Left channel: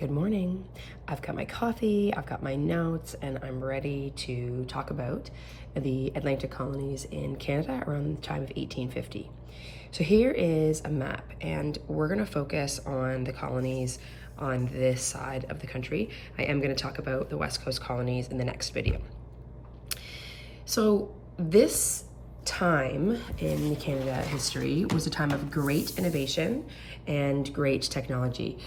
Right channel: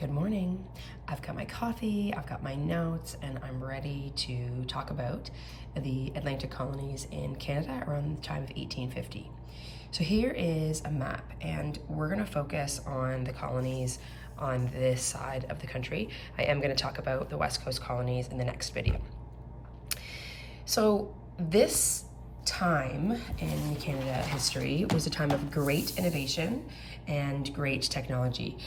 Good morning. I've got my coffee, I've got my notes, and I'm ready to talk about the Atlantic colonies in Canada around the time of 1850. So here is a map, and we're going to focus on the colonies on this side of the country. I am going to talk about the West Coast colonies in the next video. So this time in Canada history was a time of great innovation and great technology.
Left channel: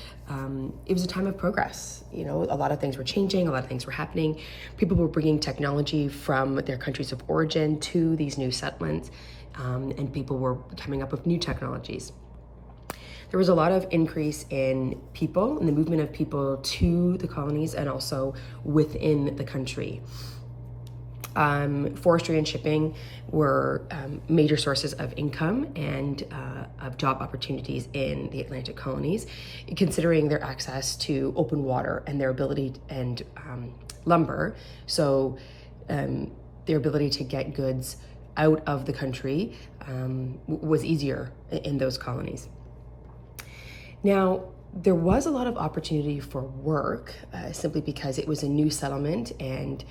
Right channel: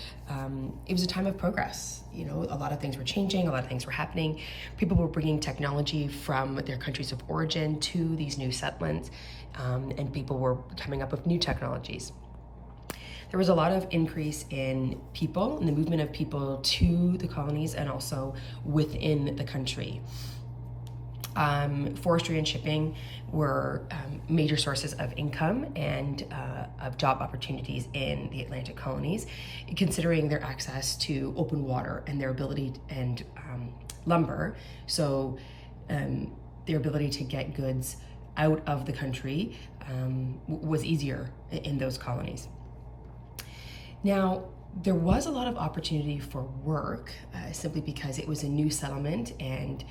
It was a time of progress. You know, a lot of things were changing, a lot of things were happening. People were bringing technology from their countries of origin to these new settlements, and people were coming up with new technologies. There was a lot of increase in people and the movement of people to the colonies and also within the country. Forestry and shipping were major sources of income and of job opportunities in the Atlantic colonies, considering their access to open water and their ability and lumber. So their ability to get goods out of the country was easier in those colonies. Now, there was a lot of opportunity for work simply because it was a new settlement and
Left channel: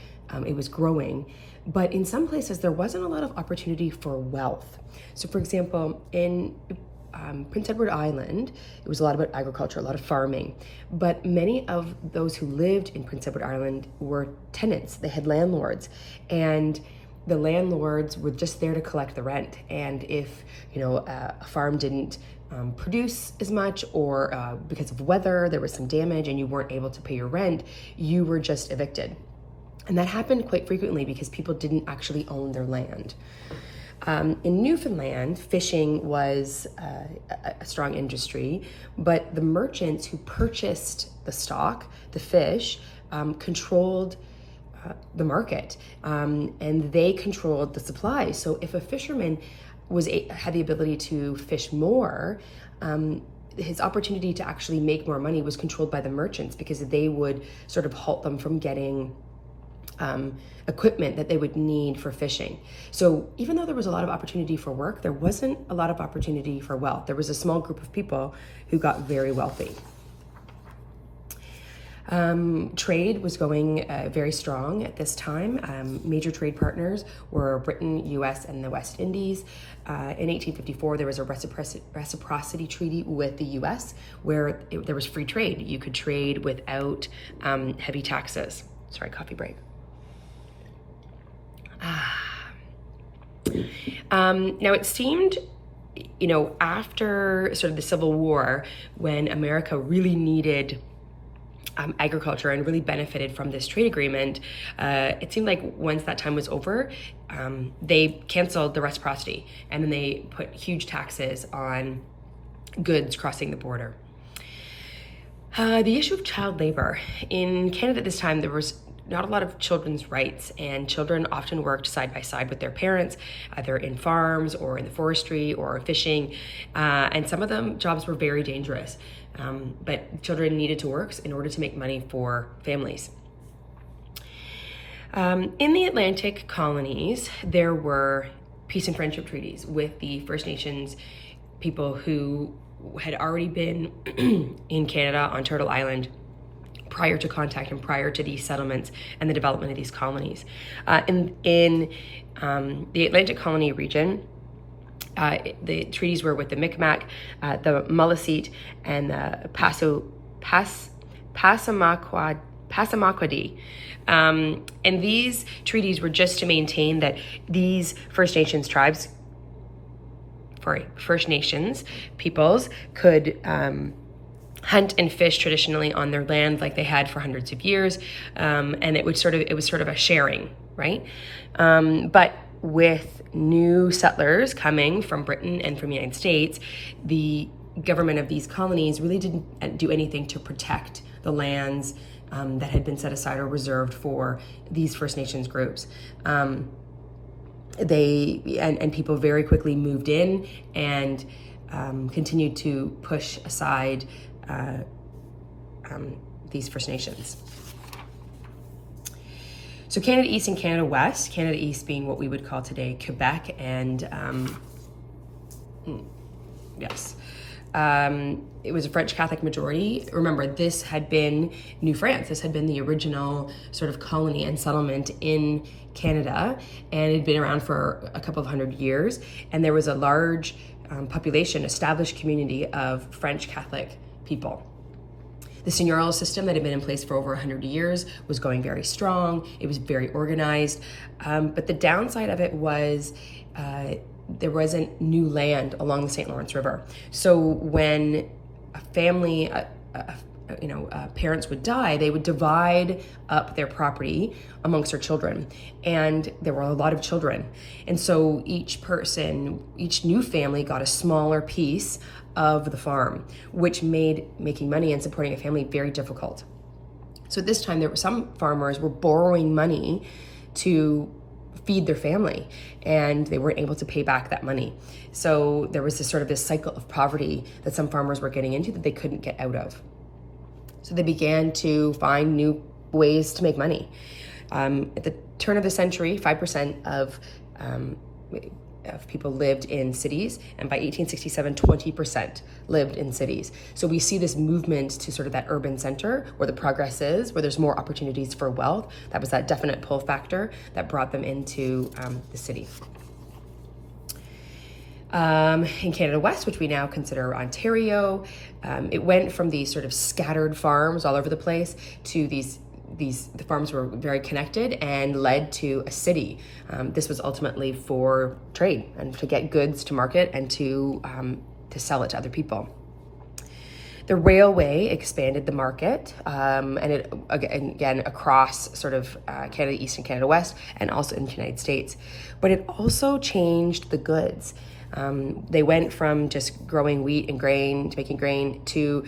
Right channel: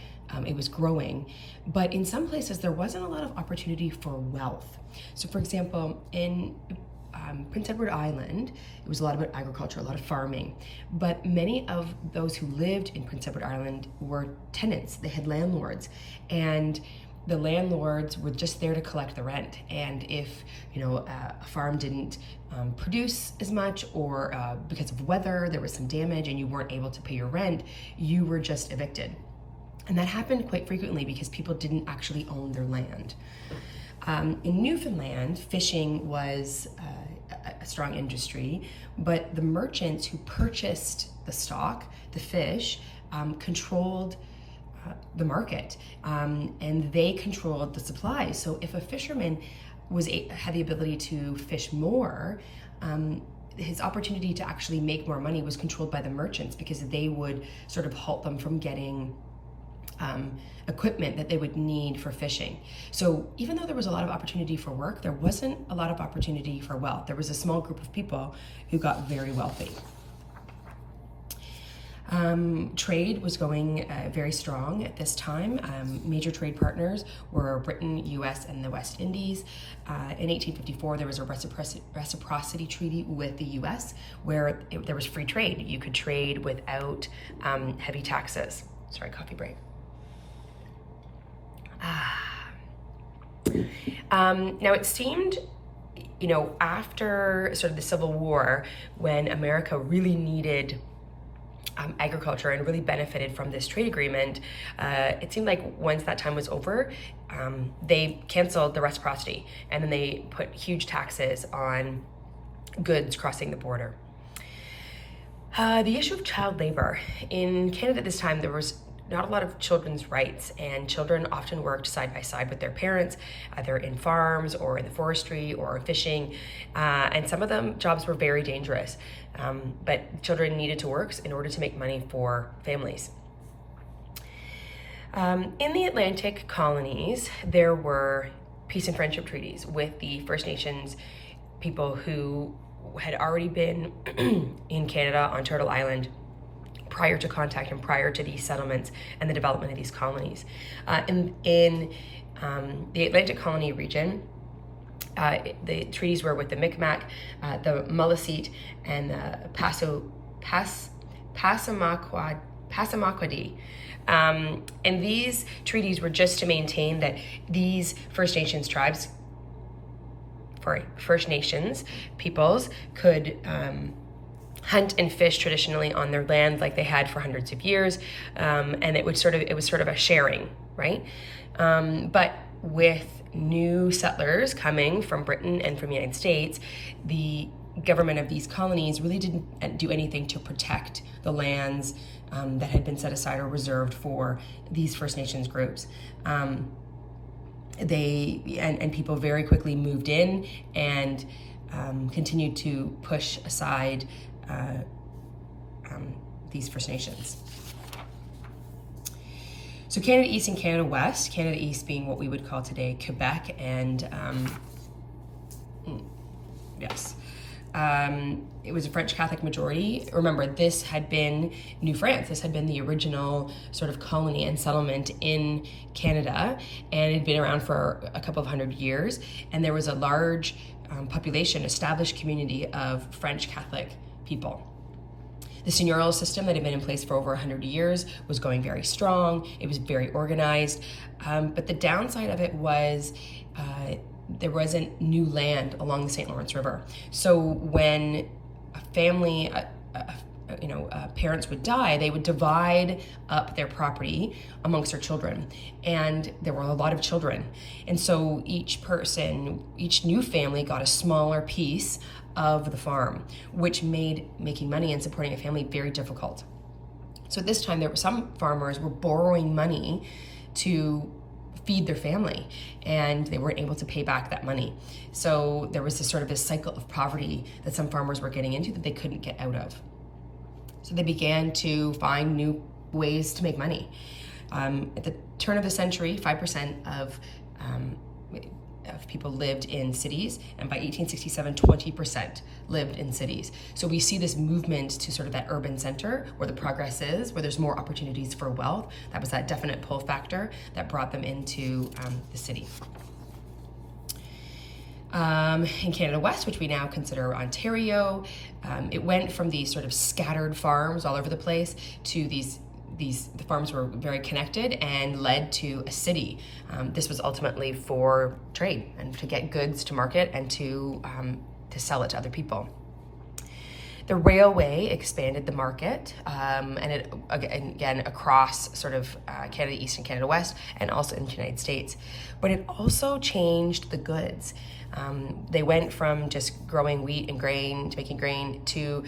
it was growing, but in some places there wasn't a lot of opportunity for wealth. So for example, in Prince Edward Island, it was a lot about agriculture, a lot of farming, but many of those who lived in Prince Edward Island were tenants. They had landlords, and the landlords were just there to collect the rent. And if a farm didn't produce as much, or because of weather there was some damage and you weren't able to pay your rent, you were just evicted. And that happened quite frequently because people didn't actually own their land. In Newfoundland, fishing was a strong industry, but the merchants who purchased the stock, the fish, controlled the market, and they controlled the supply. So if a fisherman had the ability to fish more, his opportunity to actually make more money was controlled by the merchants, because they would sort of halt them from getting equipment that they would need for fishing. So even though there was a lot of opportunity for work, there wasn't a lot of opportunity for wealth. There was a small group of people who got very wealthy. Trade was going very strong at this time. Major trade partners were Britain, US, and the West Indies. In 1854, there was a reciprocity treaty with the US where there was free trade. You could trade without heavy taxes. Sorry, coffee break. Now it seemed, after sort of the Civil War, when America really needed agriculture and really benefited from this trade agreement, it seemed like once that time was over, they canceled the reciprocity, and then they put huge taxes on goods crossing the border. The issue of child labor. In Canada at this time, there was not a lot of children's rights, and children often worked side by side with their parents, either in farms or in the forestry or fishing, and some of them jobs were very dangerous, but children needed to work in order to make money for families. In the Atlantic colonies, there were peace and friendship treaties with the First Nations people who had already been in Canada on Turtle Island prior to contact and prior to these settlements and the development of these colonies. In the Atlantic colony region, the treaties were with the Micmac, the Mullaseet, and the Passamaquoddy. And these treaties were just to maintain that these First Nations peoples could hunt and fish traditionally on their land like they had for hundreds of years, and it was sort of a sharing, right? But with new settlers coming from Britain and from the United States, the government of these colonies really didn't do anything to protect the lands that had been set aside or reserved for these First Nations groups. People very quickly moved in and continued to push aside these First Nations. So Canada East and Canada West, Canada East being what we would call today Quebec and It was a French Catholic majority. Remember, this had been New France. This had been the original sort of colony and settlement in Canada, and it had been around for a couple of hundred years. And there was a large population, established community of French Catholic people. The seigneurial system that had been in place for over 100 years was going very strong. It was very organized. But the downside of it was there wasn't new land along the St. Lawrence River. So when a family, parents would die, they would divide up their property amongst their children. And there were a lot of children. And so each new family got a smaller piece of the farm, which made making money and supporting a family very difficult. So at this time, some farmers were borrowing money to feed their family, and they weren't able to pay back that money. So there was this cycle of poverty that some farmers were getting into that they couldn't get out of. So they began to find new ways to make money. At the turn of the century, 5% of people lived in cities, and by 1867, 20% lived in cities. So we see this movement to sort of that urban center where the progress is, where there's more opportunities for wealth. That was that definite pull factor that brought them into the city. In Canada West, which we now consider Ontario, it went from these sort of scattered farms all over the place to the farms were very connected and led to a city. This was ultimately for trade and to get goods to market and to sell it to other people. The railway expanded the market, and it again across sort of Canada East and Canada West, and also in the United States. But it also changed the goods. They went from just growing wheat and grain to making grain to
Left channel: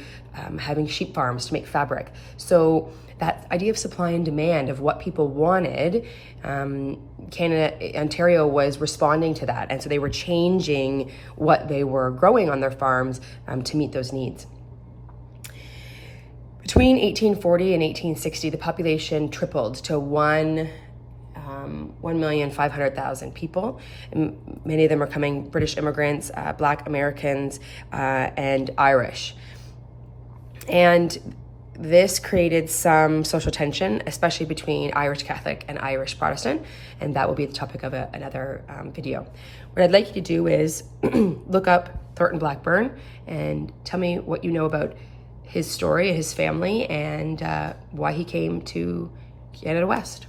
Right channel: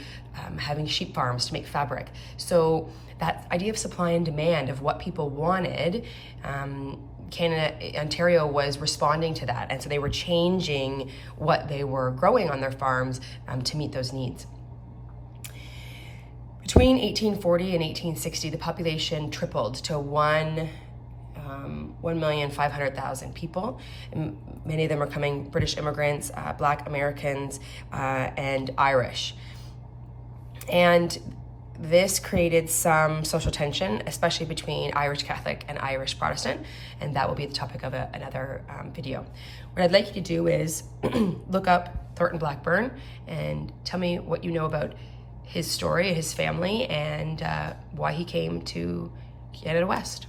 having sheep farms to make fabric. So that idea of supply and demand of what people wanted, Ontario was responding to that. And so they were changing what they were growing on their farms to meet those needs. Between 1840 and 1860, the population tripled to 1,500,000 people. Many of them are coming British immigrants, Black Americans, and Irish. And this created some social tension, especially between Irish Catholic and Irish Protestant, and that will be the topic of another video. What I'd like you to do is look up Thornton Blackburn and tell me what you know about his story, his family, and why he came to Canada West.